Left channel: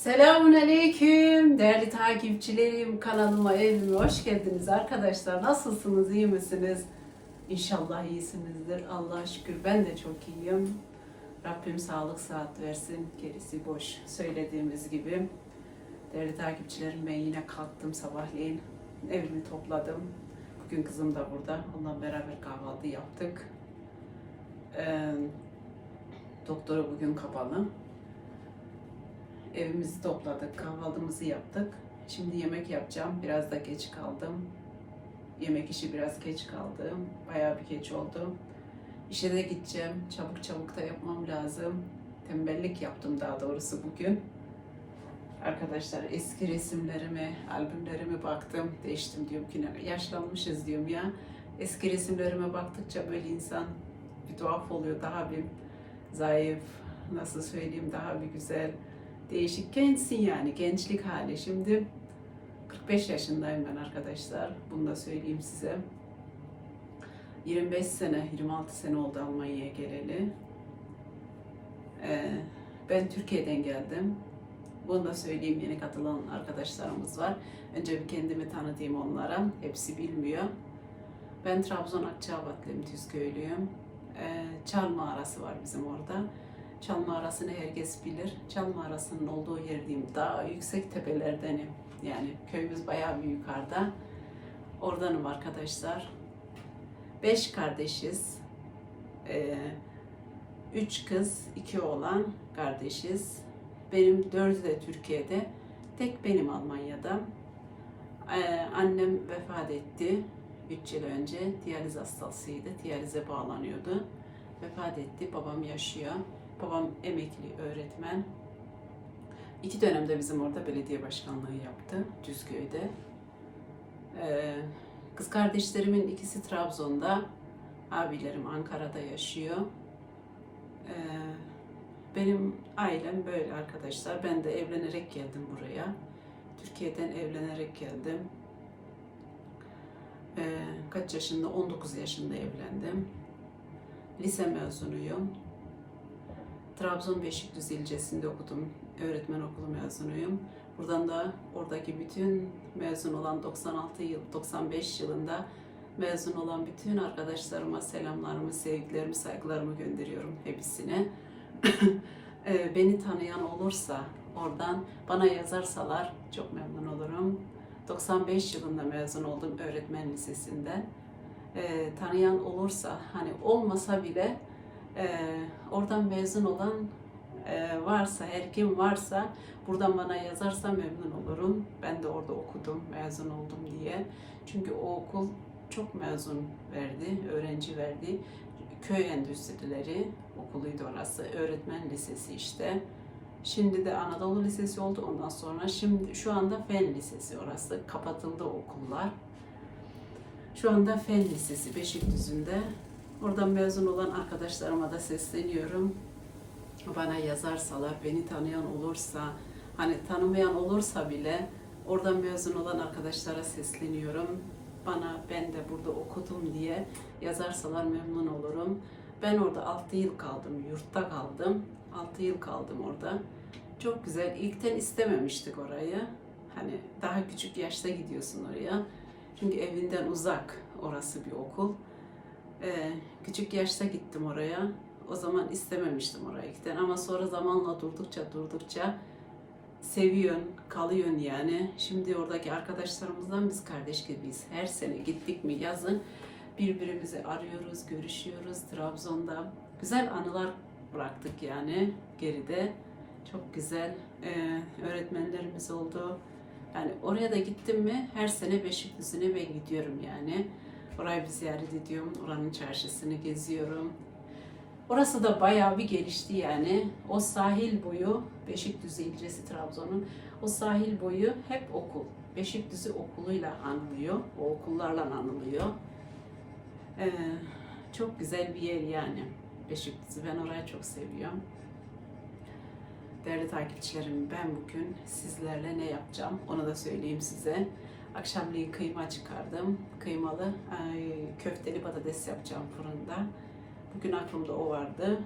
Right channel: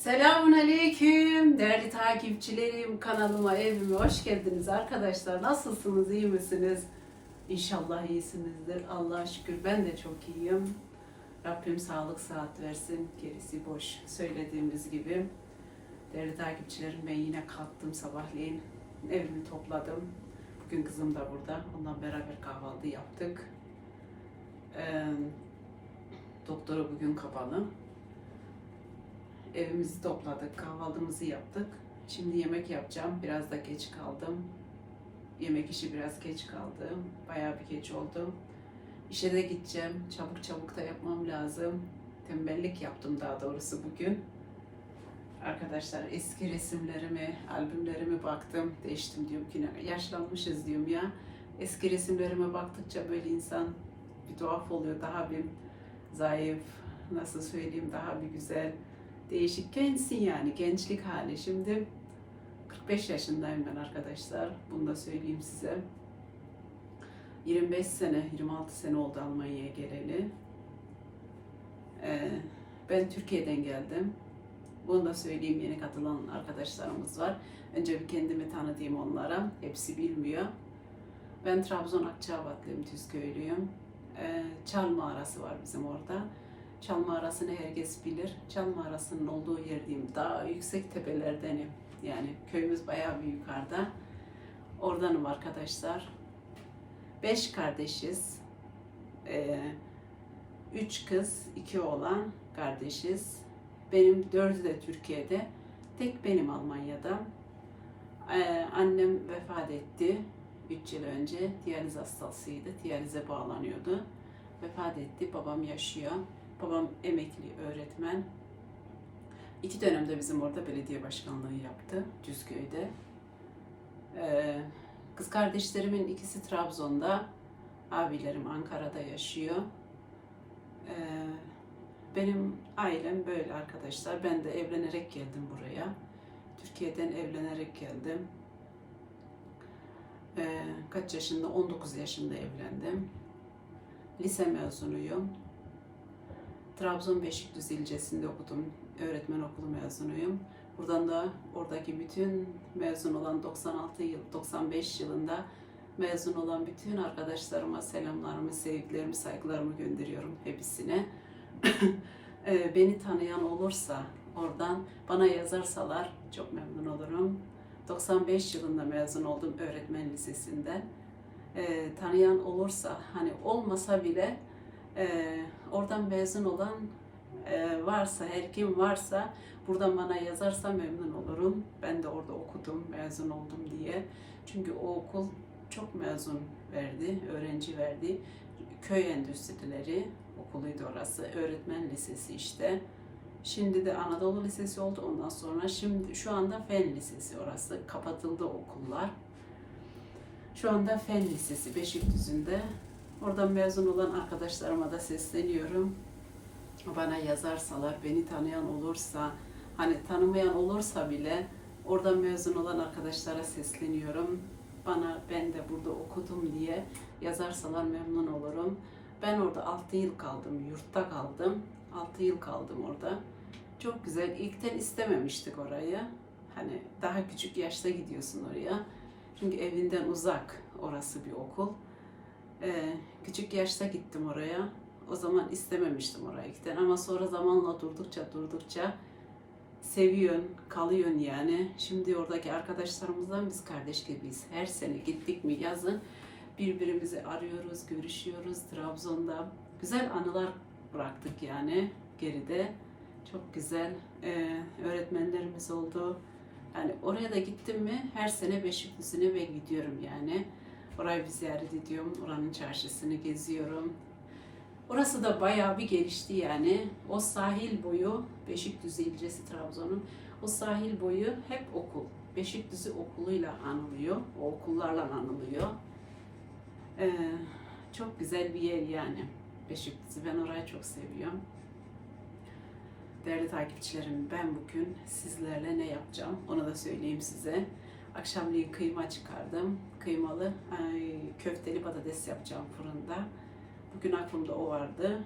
Selamun Aleyküm. Değerli takipçilerim kanalıma evime hoş geldiniz arkadaşlar. Nasılsınız iyi misiniz? İnşallah iyisinizdir Allah'a şükür. Ben de çok iyiyim. Rabbim sağlık saat versin. Gerisi boş söylediğimiz gibi. Değerli takipçilerim ben yine kalktım sabahleyin. Evimi topladım. Bugün kızım da burada. Onunla beraber kahvaltı yaptık. Ee, doktora bugün kapalı Evimizi topladık, kahvaltımızı yaptık. Şimdi yemek yapacağım. Biraz da geç kaldım. Yemek işi biraz geç kaldı. Bayağı bir geç oldu. İşe de gideceğim. Çabuk çabuk da yapmam lazım. Tembellik yaptım daha doğrusu bugün. Arkadaşlar eski resimlerime, albümlerime baktım. Değiştim diyorum ki yaşlanmışız diyorum ya. Eski resimlerime baktıkça böyle insan bir tuhaf oluyor. Daha bir zayıf, nasıl söyleyeyim daha bir güzel değişik gençsin yani gençlik hali. Şimdi 45 yaşındayım ben arkadaşlar. Bunu da söyleyeyim size. 25 sene, 26 sene oldu Almanya'ya geleli. Ee, ben Türkiye'den geldim. Bunu da söyleyeyim yeni katılan arkadaşlarımız var. Önce bir kendimi tanıtayım onlara. Hepsi bilmiyor. Ben Trabzon Akçabatlıyım, Tüzköylüyüm. Ee, Çal mağarası var bizim orada. Çal mağarasını herkes bilir. Çal mağarasının olduğu yer diyeyim daha yüksek tepelerdenim. Yani köyümüz bayağı bir yukarıda. Oradanım arkadaşlar. Beş kardeşiz. Ee, üç kız, iki oğlan kardeşiz. Benim dördü de Türkiye'de. Tek benim Almanya'da. Ee, annem vefat etti. Üç yıl önce diyaliz hastasıydı. Diyalize bağlanıyordu. Vefat etti. Babam yaşıyor. Babam emekli öğretmen. İki dönemde bizim orada belediye başkanlığı yaptı Cüzköy'de. Ee, kız kardeşlerimin ikisi Trabzon'da, abilerim Ankara'da yaşıyor. Ee, benim ailem böyle arkadaşlar. Ben de evlenerek geldim buraya. Türkiye'den evlenerek geldim. Ee, kaç yaşında? 19 yaşında evlendim. Lise mezunuyum. Trabzon Beşikdüzü ilçesinde okudum. Öğretmen okulu mezunuyum. Buradan da oradaki bütün mezun olan 96 yıl, 95 yılında mezun olan bütün arkadaşlarıma selamlarımı, sevgilerimi, saygılarımı gönderiyorum hepsine. Ee, Beni tanıyan olursa oradan bana yazarsalar çok memnun olurum. 95 yılında mezun oldum öğretmen lisesinden. Ee, tanıyan olursa hani olmasa bile ee, oradan mezun olan e, varsa, her kim varsa buradan bana yazarsa memnun olurum. Ben de orada okudum, mezun oldum diye. Çünkü o okul çok mezun verdi, öğrenci verdi. Köy Endüstrileri okuluydu orası. Öğretmen lisesi işte. Şimdi de Anadolu Lisesi oldu ondan sonra. Şimdi şu anda Fen Lisesi orası. Kapatıldı okullar. Şu anda Fen Lisesi Beşikdüzü'nde. Oradan mezun olan arkadaşlarıma da sesleniyorum. Bana yazarsalar, beni tanıyan olursa, hani tanımayan olursa bile oradan mezun olan arkadaşlara sesleniyorum. Bana ben de burada okudum diye yazarsalar memnun olurum. Ben orada 6 yıl kaldım, yurtta kaldım. 6 yıl kaldım orada. Çok güzel. İlkten istememiştik orayı. Hani daha küçük yaşta gidiyorsun oraya. Çünkü evinden uzak orası bir okul. Ee, küçük yaşta gittim oraya. O zaman istememiştim oraya giden ama sonra zamanla durdukça durdukça seviyorsun, kalıyorsun yani. Şimdi oradaki arkadaşlarımızdan biz kardeş gibiyiz. Her sene gittik mi yazın birbirimizi arıyoruz, görüşüyoruz Trabzon'da. Güzel anılar bıraktık yani geride. Çok güzel e, öğretmenlerimiz oldu. Yani oraya da gittim mi her sene Beşikdüzü'ne ben gidiyorum yani. Orayı bir ziyaret ediyorum. Oranın çarşısını geziyorum. Orası da bayağı bir gelişti yani. O sahil boyu, Beşikdüzü ilçesi Trabzon'un, o sahil boyu hep okul. Beşikdüzü okuluyla anılıyor. O okullarla anılıyor. Ee, çok güzel bir yer yani. Beşikdüzü. Ben orayı çok seviyorum. Değerli takipçilerim ben bugün sizlerle ne yapacağım onu da söyleyeyim size. Akşamleyin kıyma çıkardım. Kıymalı köfteli patates yapacağım fırında. Bugün aklımda o vardı.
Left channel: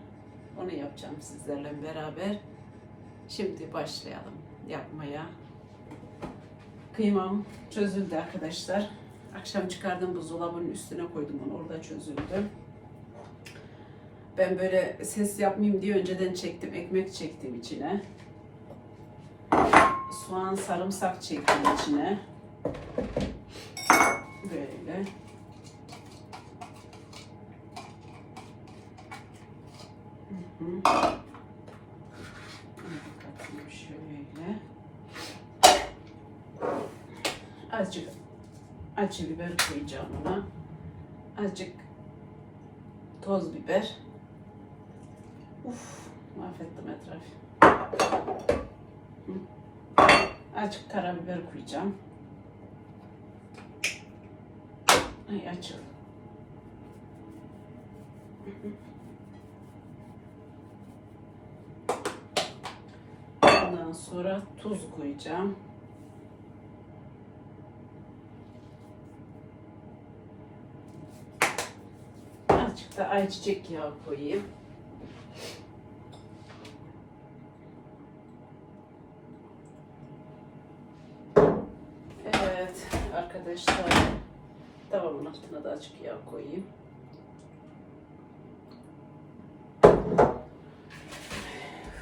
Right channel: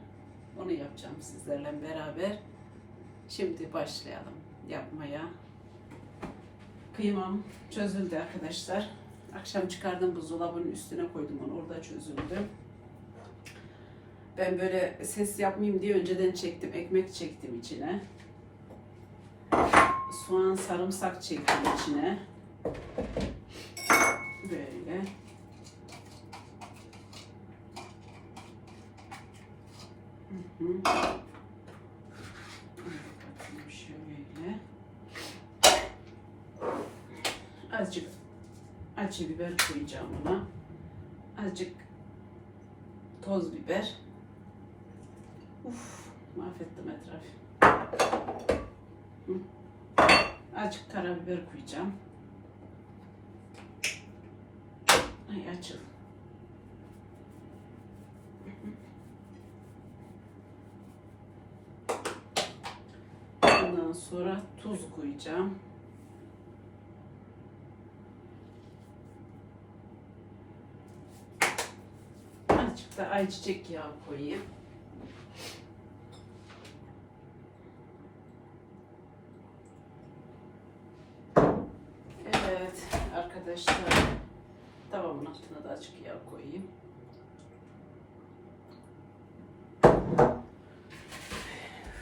Onu yapacağım sizlerle beraber. Şimdi başlayalım. yapmaya. Kıymam çözüldü arkadaşlar. Akşam çıkardım buzdolabının üstüne koydum onu. Orada çözüldü. Ben böyle ses yapmayayım diye önceden çektim. Ekmek çektim içine. Soğan, sarımsak çektim içine. Böyle. Hı hı. Şöyle. Azıcık acı biber koyacağım buna. Azıcık toz biber. Uf, mahvettim etrafı. Azıcık karabiber koyacağım. Ay açıl. Ondan sonra tuz koyacağım. Azıcık da ayçiçek yağı koyayım. Evet arkadaşlar altına da azıcık yağ koyayım.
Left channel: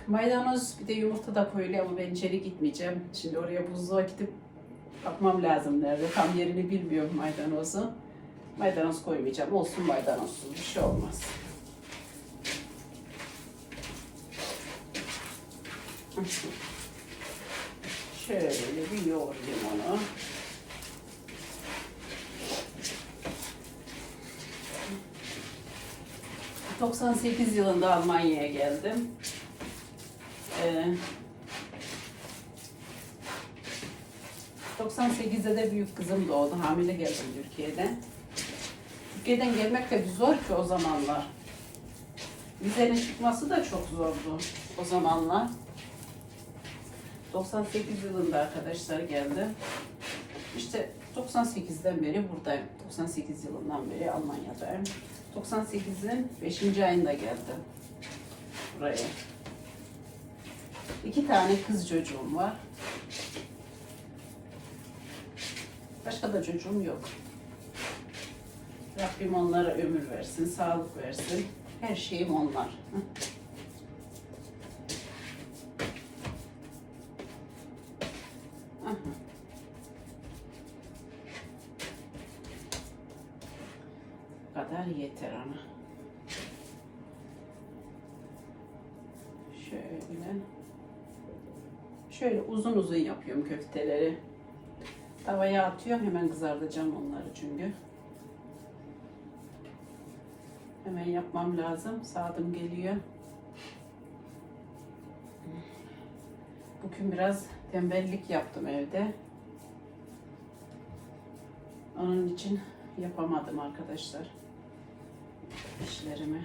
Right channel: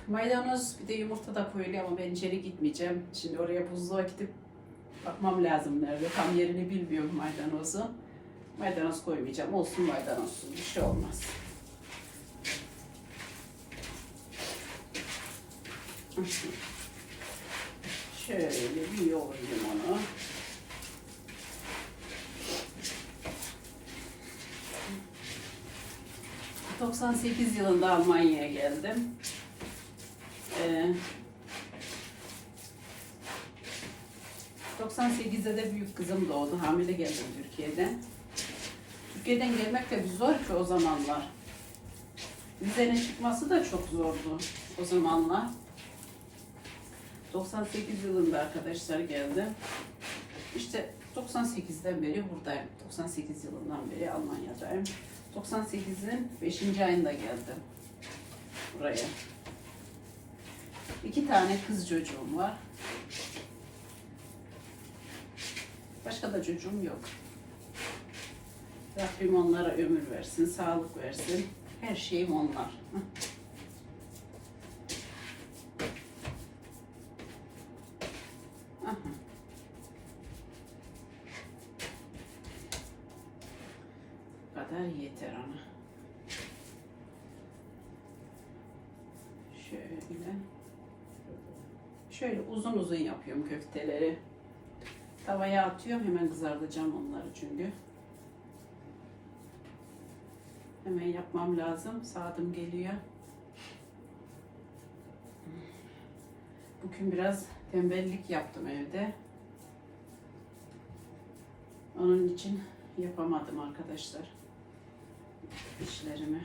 Maydanoz bir de yumurta da koyuluyor ama ben içeri gitmeyeceğim. Şimdi oraya buzluğa gidip bakmam lazım nerede. Tam yerini bilmiyorum maydanozu. Maydanoz koymayacağım. Olsun maydanozsuz bir şey olmaz. Şöyle bir yoğurayım onu. ...98 yılında Almanya'ya geldim. Ee, 98'de de büyük kızım doğdu. Hamile geldim Türkiye'den. Türkiye'den gelmek de zor ki o zamanlar. Vizenin çıkması da çok zordu o zamanlar. 98 yılında arkadaşlar geldi. İşte 98'den beri buradayım. 98 yılından beri Almanya'dayım. 98'in 5. ayında geldim buraya. İki tane kız çocuğum var. Başka da çocuğum yok. Rabbim onlara ömür versin, sağlık versin. Her şeyim onlar. Yeter ana. Şöyle. Şöyle uzun uzun yapıyorum köfteleri. Tavaya atıyorum hemen kızartacağım onları çünkü. Hemen yapmam lazım. Saatim geliyor. Bugün biraz tembellik yaptım evde. Onun için yapamadım arkadaşlar işlerimi.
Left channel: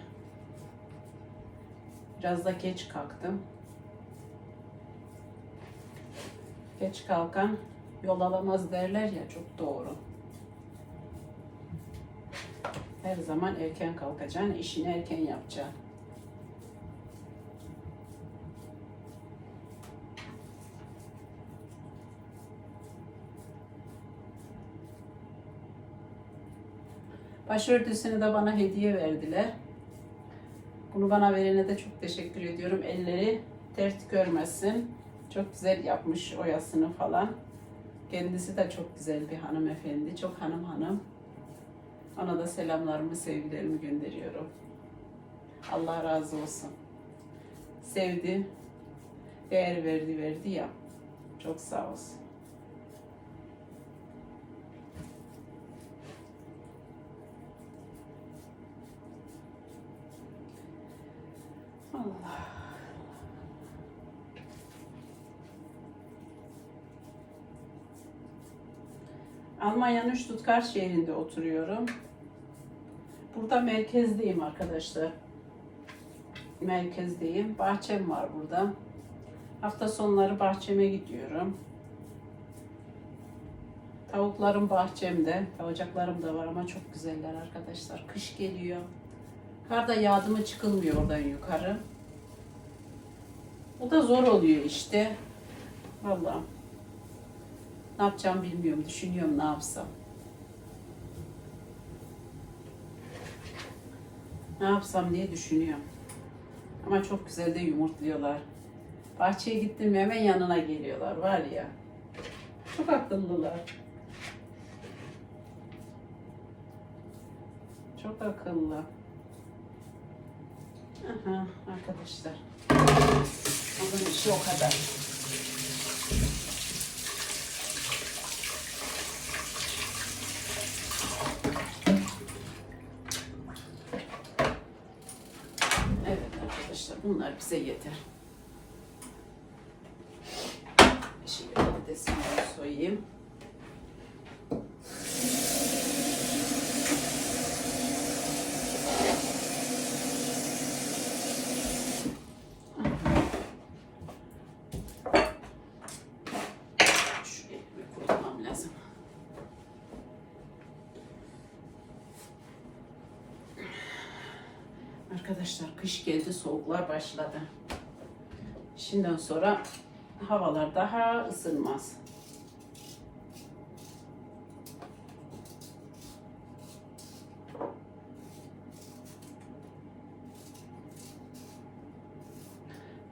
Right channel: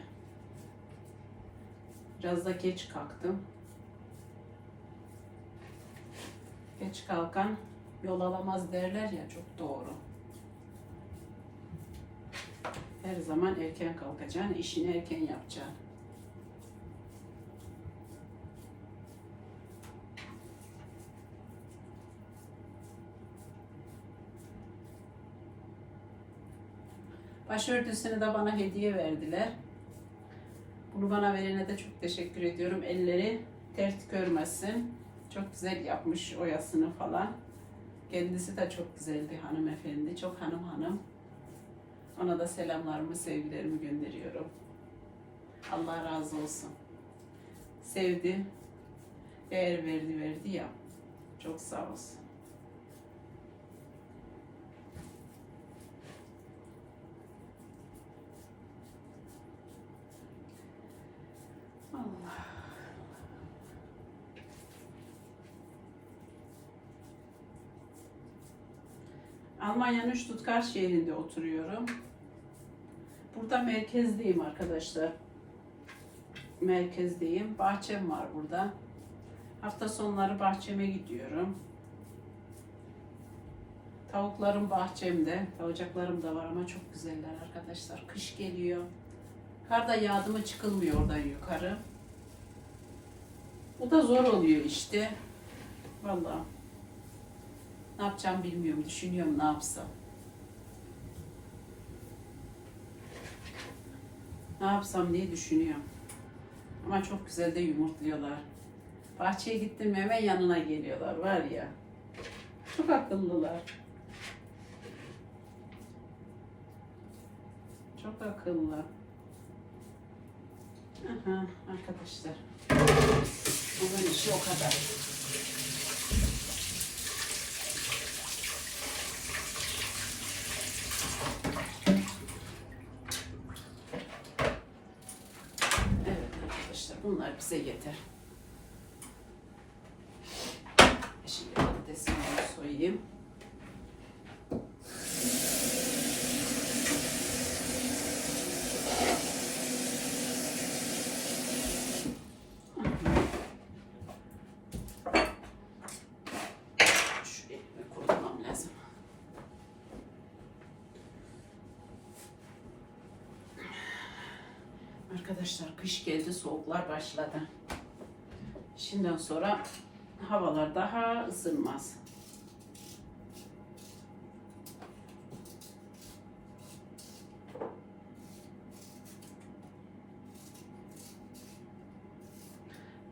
Biraz da geç kalktım. Geç kalkan yol alamaz derler ya çok doğru. Her zaman erken kalkacaksın, işini erken yapacaksın. Başörtüsünü de bana hediye verdiler. Bunu bana verene de çok teşekkür ediyorum. Elleri dert görmesin. Çok güzel yapmış oyasını falan. Kendisi de çok güzel bir hanımefendi. Çok hanım hanım. Ona da selamlarımı, sevgilerimi gönderiyorum. Allah razı olsun. Sevdi, değer verdi, verdi ya. Çok sağ olsun. Almanya'nın Stuttgart şehrinde oturuyorum. Burada merkezdeyim arkadaşlar. Merkezdeyim. Bahçem var burada. Hafta sonları bahçeme gidiyorum. Tavuklarım bahçemde. Tavuklarım da var ama çok güzeller arkadaşlar. Kış geliyor. Kar da yağdı mı çıkılmıyor oradan yukarı. O da zor oluyor işte. Vallahi. Ne yapacağım bilmiyorum. Düşünüyorum ne yapsam. Ne yapsam diye düşünüyorum. Ama çok güzel de yumurtluyorlar. Bahçeye gittim hemen yanına geliyorlar var ya. Çok akıllılar. Çok akıllı. Aha, arkadaşlar. Onun işi o kadar. Evet arkadaşlar bunlar bize yeter. Şimdi patatesini de soyayım. Şu elimi kurutmam lazım. Arkadaşlar kış geldi, soğuklar başladı. Şimdiden sonra havalar daha ısınmaz.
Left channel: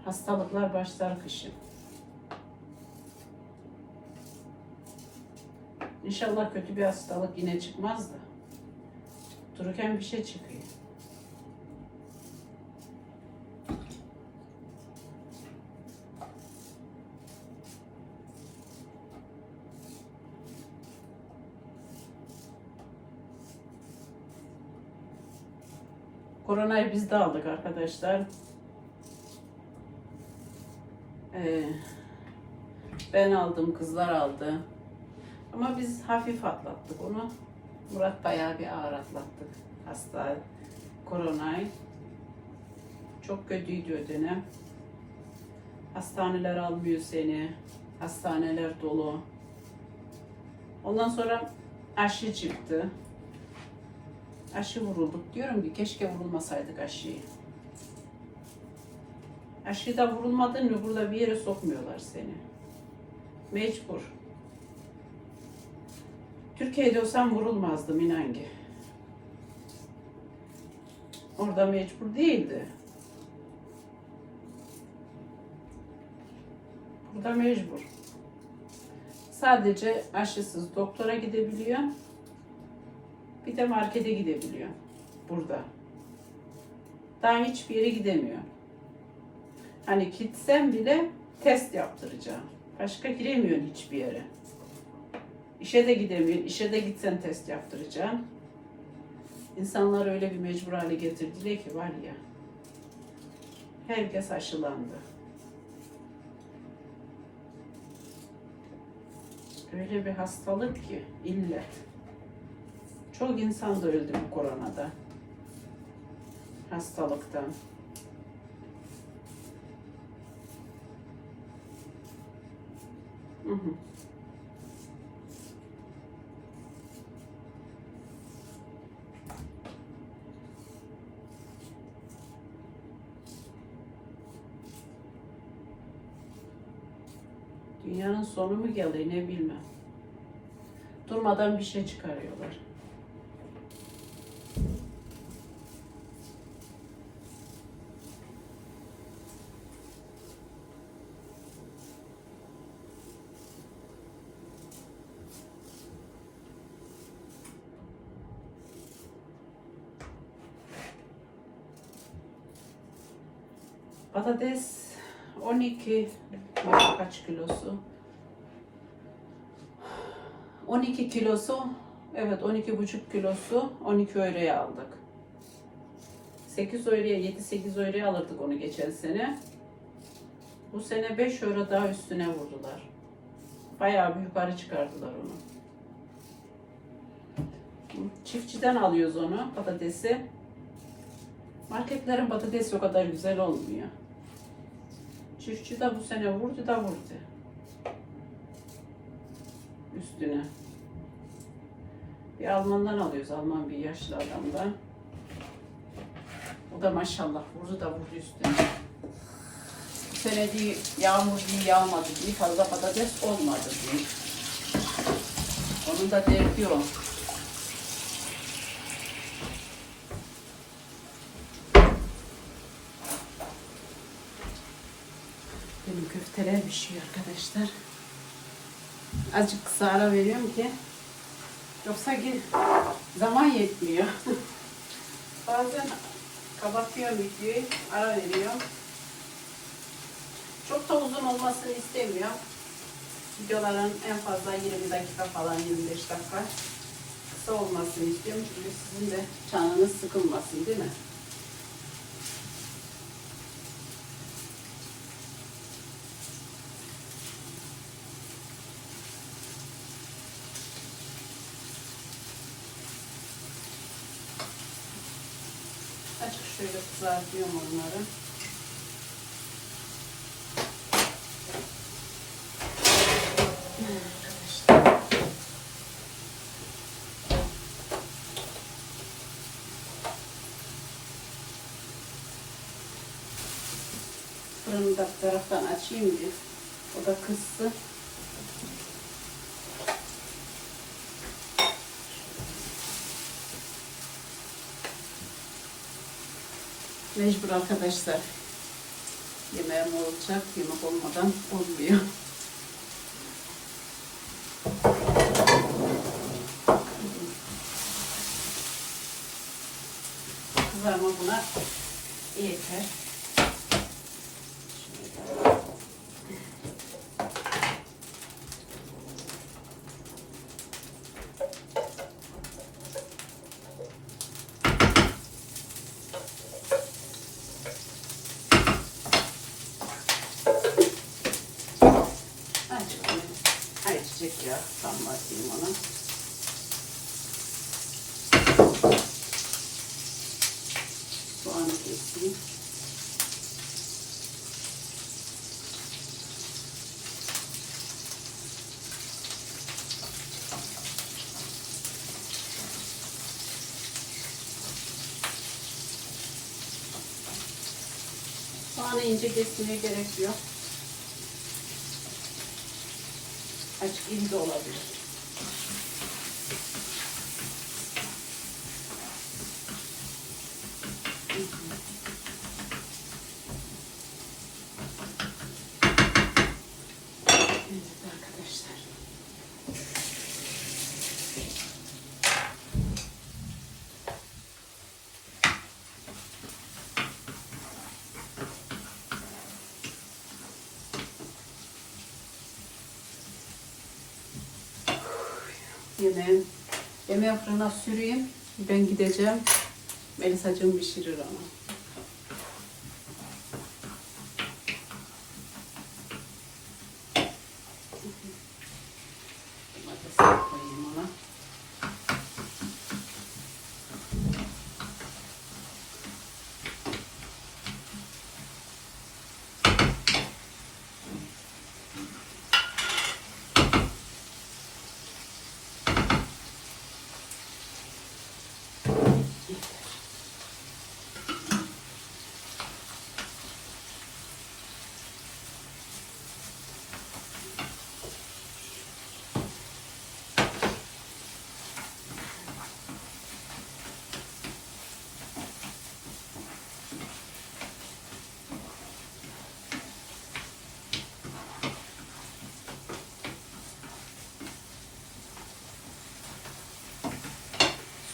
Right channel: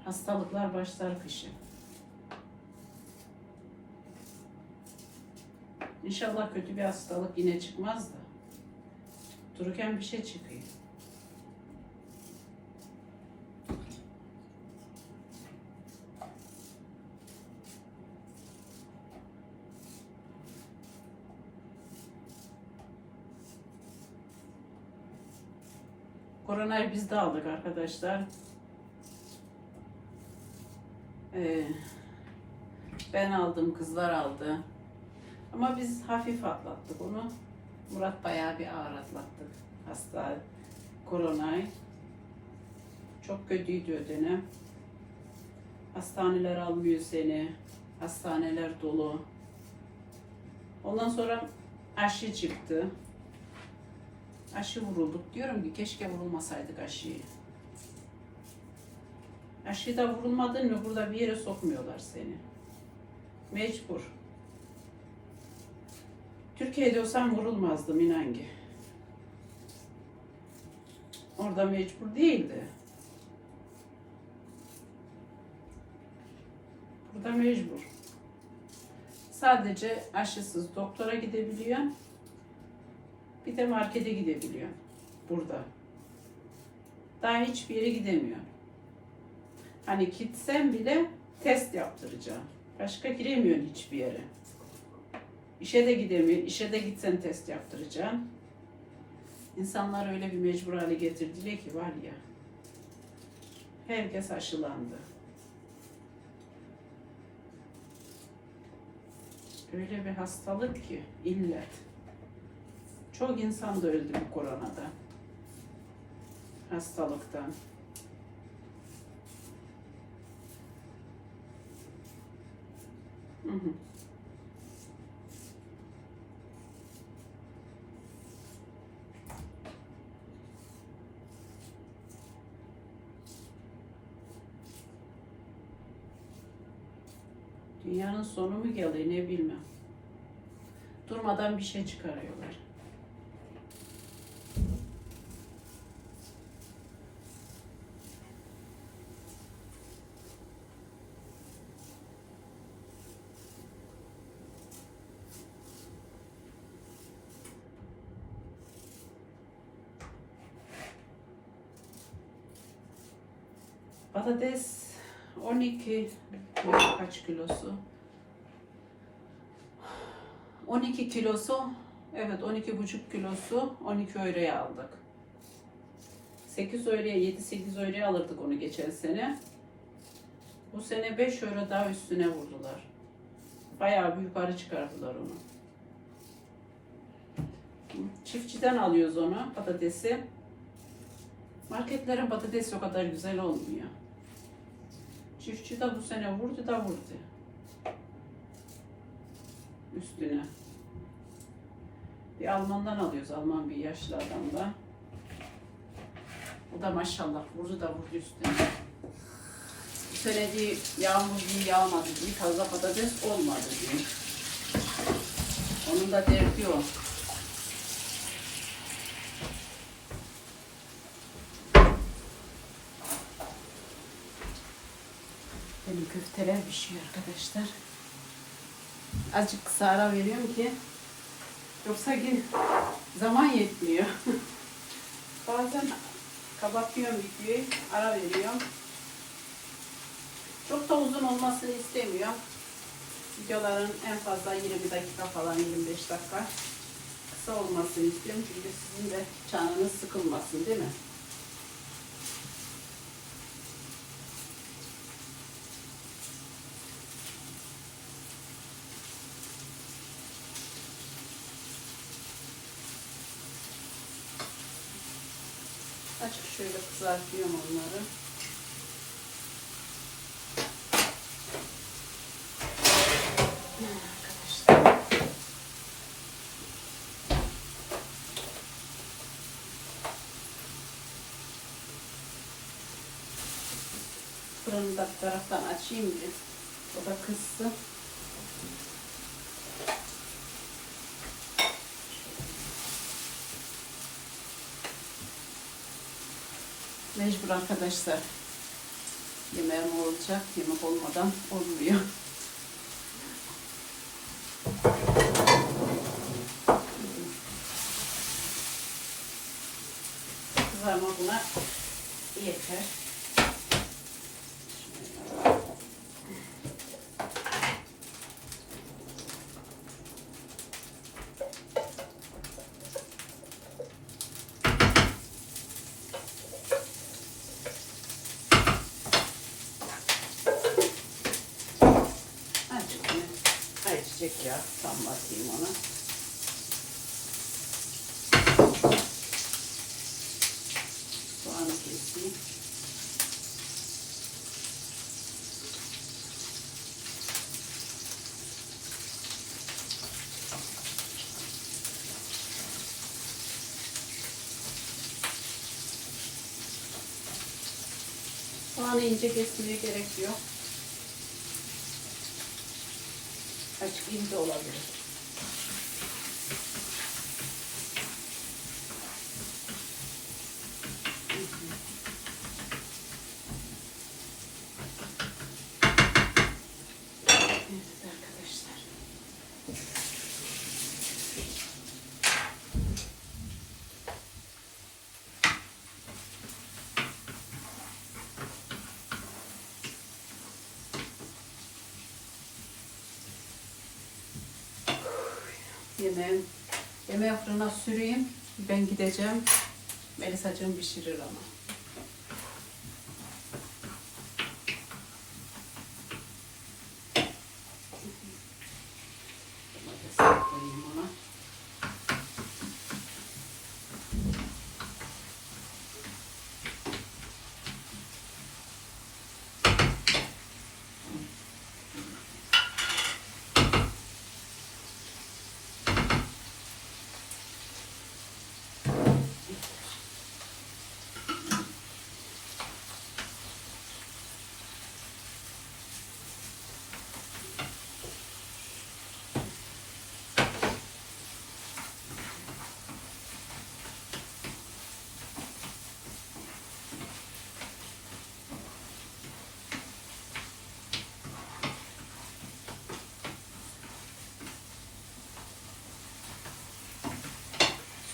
Hastalıklar başlar kışın. İnşallah kötü bir hastalık yine çıkmaz da. Dururken bir şey çıkıyor. Koronayı biz de aldık arkadaşlar. Ee, ben aldım, kızlar aldı. Ama biz hafif atlattık onu. Murat bayağı bir ağır atlattık hasta koronayı. Çok kötüydü o dönem. Hastaneler almıyor seni. Hastaneler dolu. Ondan sonra aşı çıktı. Aşı vurulduk. Diyorum ki keşke vurulmasaydık aşıyı. Aşı da vurulmadın mı burada bir yere sokmuyorlar seni. Mecbur. Türkiye'de olsam vurulmazdım inan ki. Orada mecbur değildi. Burada mecbur. Sadece aşısız doktora gidebiliyor. Bir de markete gidebiliyor. Burada. Daha hiçbir yere gidemiyor. Hani gitsen bile test yaptıracağım. Başka giremiyorsun hiçbir yere. İşe de gidemiyorsun. İşe de gitsen test yaptıracaksın. İnsanlar öyle bir mecbur hale getirdiler ki var ya. Herkes aşılandı. Öyle bir hastalık ki illet. Çok insan da öldü bu koronada. Hastalıktan. Hı. Dünyanın sonu mu geliyor ne bilmem. Durmadan bir şey çıkarıyorlar. Patates 12 kaç kilosu? 12 kilosu evet 12 buçuk kilosu 12 euroya aldık. 8 euroya 7-8 euroya alırdık onu geçen sene. Bu sene 5 euro daha üstüne vurdular. Bayağı bir yukarı çıkardılar onu. Çiftçiden alıyoruz onu patatesi. Marketlerin patatesi o kadar güzel olmuyor. Çiftçi de bu sene vurdu da vurdu. Üstüne. Bir Almandan alıyoruz. Alman bir yaşlı adamdan. O da maşallah vurdu da vurdu üstüne. sene diye yağmur diye yağmadı diye fazla patates olmadı diye. Onun da derdi o. Benim köfteler pişiyor arkadaşlar. Azıcık kısa ara veriyorum ki yoksa gün zaman yetmiyor. Bazen kapatıyorum videoyu, ara veriyorum. Çok da uzun olmasını istemiyorum. Videoların en fazla 20 dakika falan 25 dakika kısa olmasını istiyorum çünkü sizin de canınız sıkılmasın değil mi? Şöyle kızartıyorum onları. Fırını da bir taraftan açayım diye. O da kızsın. Mecbur arkadaşlar. Yemeğim olacak. Yemek olmadan olmuyor. Kızarma buna yeter. Şöyle. Azıcık yine ayçiçek yağı tam basayım ona. Soğanı keseyim. Soğanı ince kesmeye gerek yok. Açık de olabilir. Evet arkadaşlar. Yemeğim, yemeği fırına süreyim. Ben gideceğim. Melisacığım pişirir ama. Domatesi koyayım ona.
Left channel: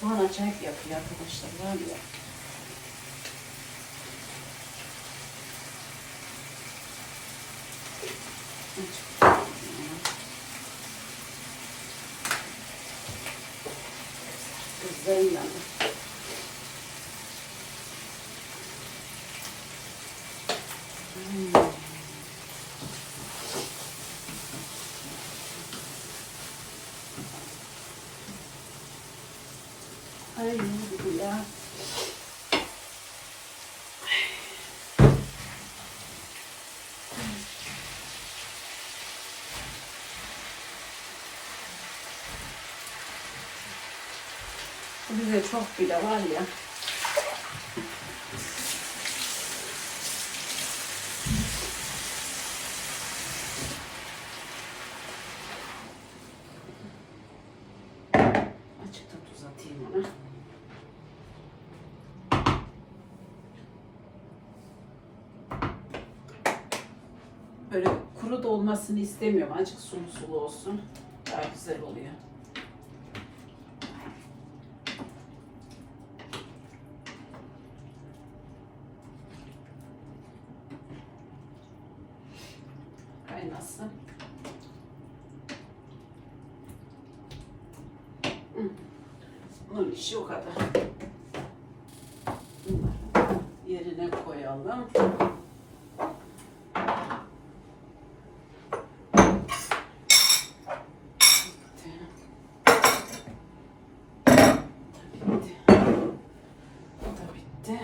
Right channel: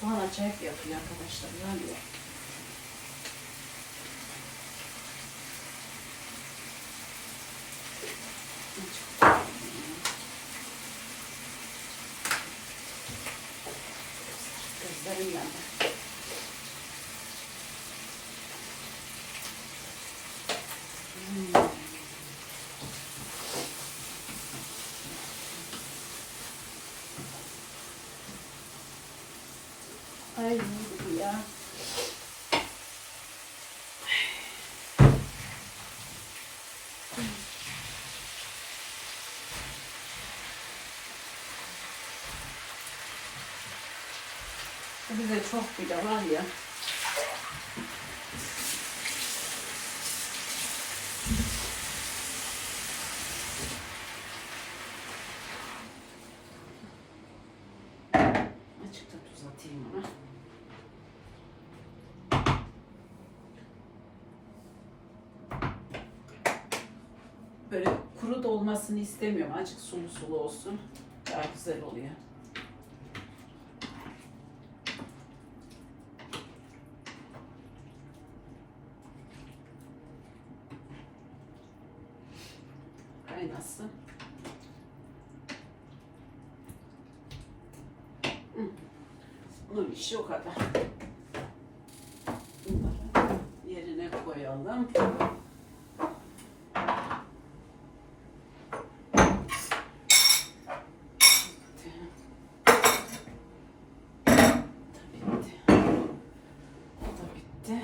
Soğan acayip yapıyor arkadaşlar. Var ya. Ay bu ya. Bu bize çok bile var ya. Böyle kuru da olmasını istemiyorum. Azıcık sulu sulu olsun. Daha güzel oluyor. Kaynasın. Bunun işi o kadar. Bunları yerine koyalım. Bitti. Bu da bitti.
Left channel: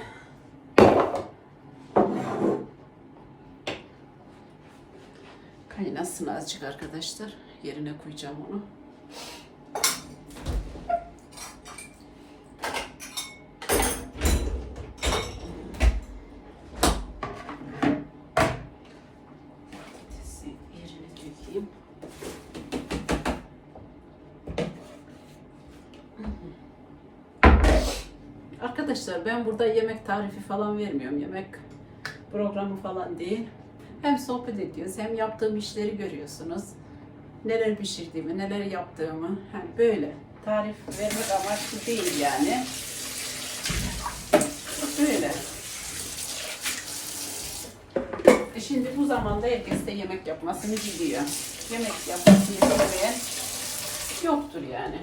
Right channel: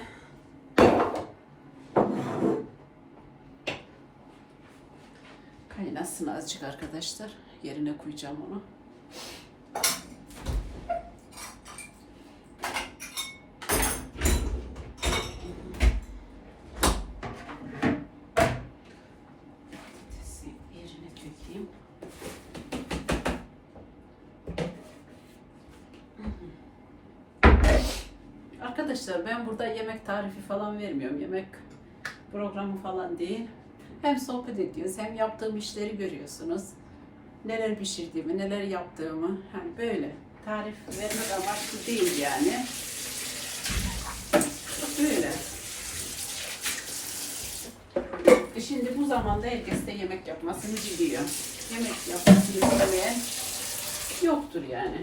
Kaynasın azıcık arkadaşlar. Yerine koyacağım onu. Arkadaşlar ben burada yemek tarifi falan vermiyorum. Yemek programı falan değil. Hem sohbet ediyoruz hem yaptığım işleri görüyorsunuz. Neler pişirdiğimi, neler yaptığımı. Hani böyle tarif vermek amaçlı değil yani. Böyle. E Şimdi bu zamanda herkes de yemek yapmasını biliyor. Yemek yapmasını bilmeyen yoktur yani.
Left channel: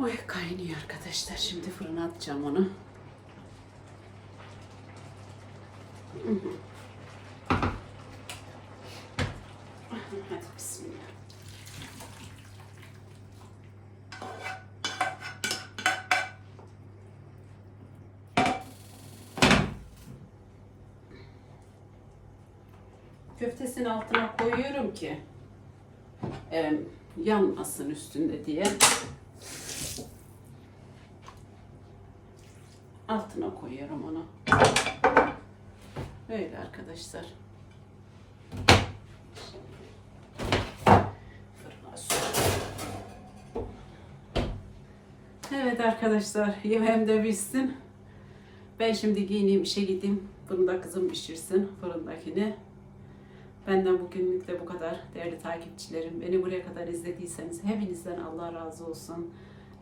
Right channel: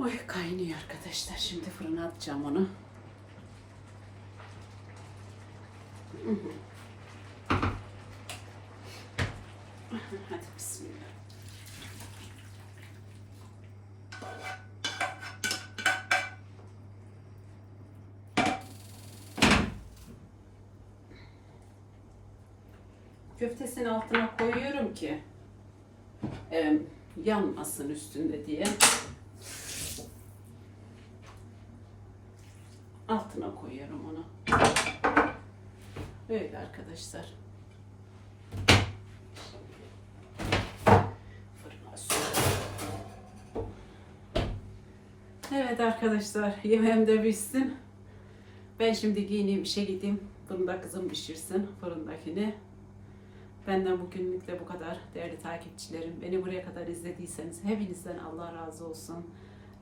Oy kaynıyor arkadaşlar. Şimdi fırına atacağım onu. Hadi bismillah. Köftesinin altına koyuyorum ki e, yanmasın üstünde diye. Altına koyuyorum onu. Böyle arkadaşlar. Evet arkadaşlar yemeğim de bitsin. Ben şimdi giyineyim işe gideyim. Fırında kızım pişirsin fırındakini. Benden bugünlük de bu kadar değerli takipçilerim. Beni buraya kadar izlediyseniz hepinizden Allah razı olsun.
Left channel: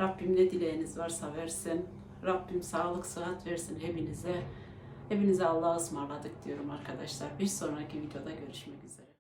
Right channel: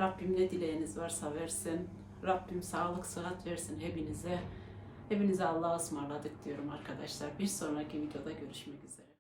Rabbim ne dileğiniz varsa versin. Rabbim sağlık, sıhhat versin hepinize. Hepinize Allah'a ısmarladık diyorum arkadaşlar. Bir sonraki videoda görüşmek üzere.